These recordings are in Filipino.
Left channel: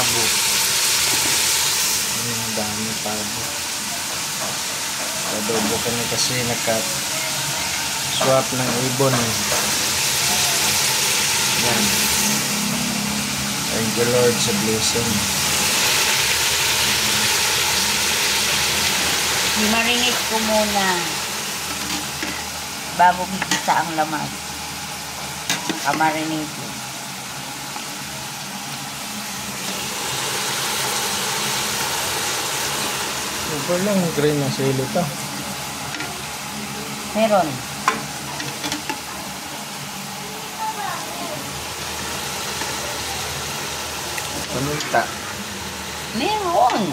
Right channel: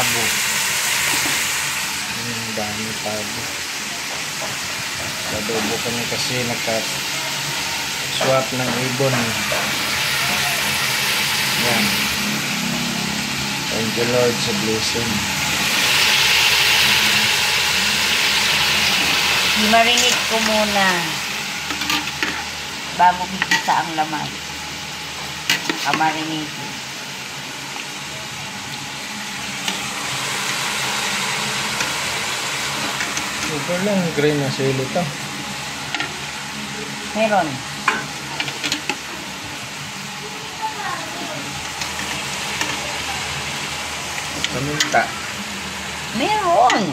pabo. Ang dami pabo. Adobo kami kasi naka-swap ng ibon. Yan. Thank you Lord sa blessing. Marinate ko muna bago bigisa ang lamas. Naka-marinate. Super lang green na sili to. Meron. Paminta. Meron.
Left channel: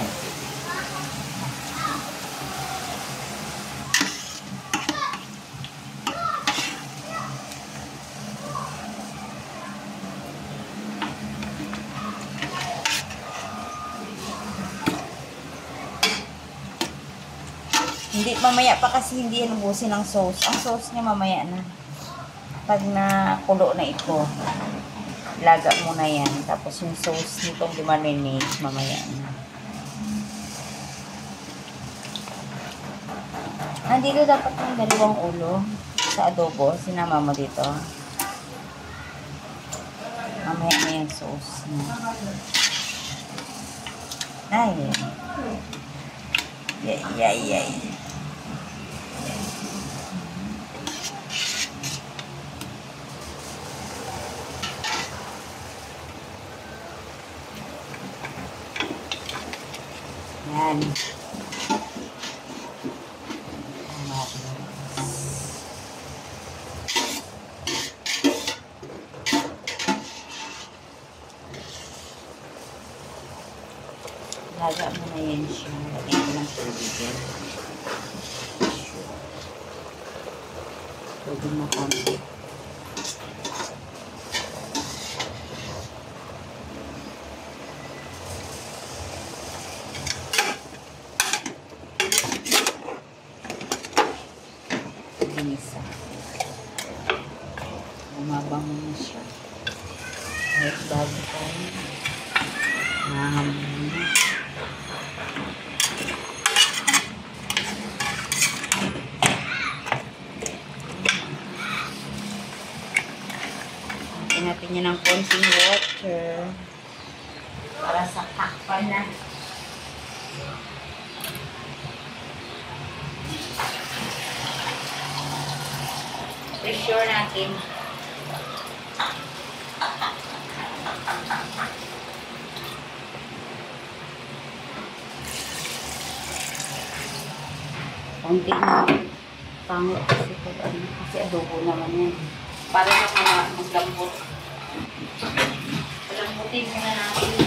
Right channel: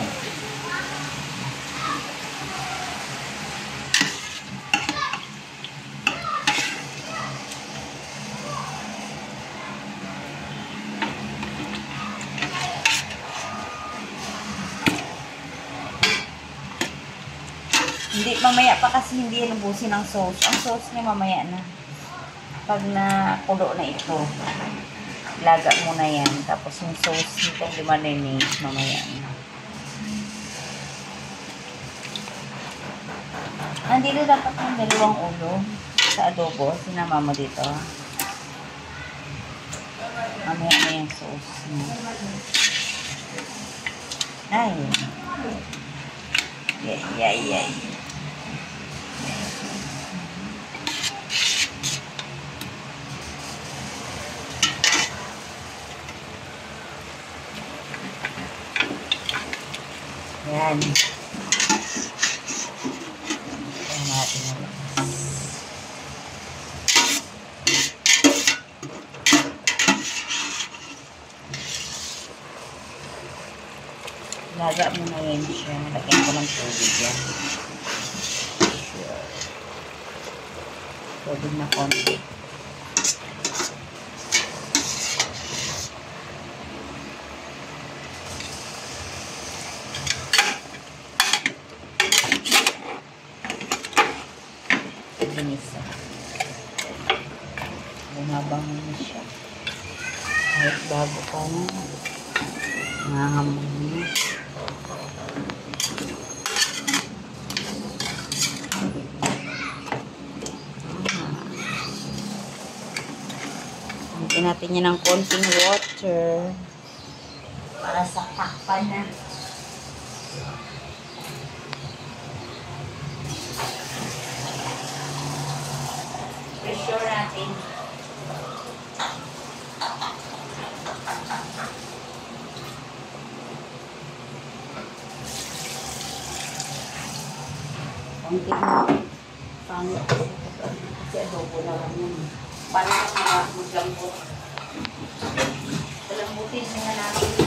Hindi, mamaya pa kasi hindi lubusin ang sauce. Ang sauce niya mamaya na. Pag nakulo na ito, laga muna yan. Tapos yung sauce nitong limarinate, mamaya na. Nandito dapat yung dalawang ulo sa adobo. Sinama mo dito. Mamaya na yung sauce niya. Ay. Yay. Yan. Laga mo na yan siya. Lagyan ko ng tubig yan. Tubig na konti. Ginisa. Bumabang na siya. Kahit bago pa na. Nahamon na. Hanapin natin yan ng konting water para sa takpan na. I-sure natin. Kunti na pangit kasi adobo naman yan. Para sa mga maglambot. Lambutin muna natin.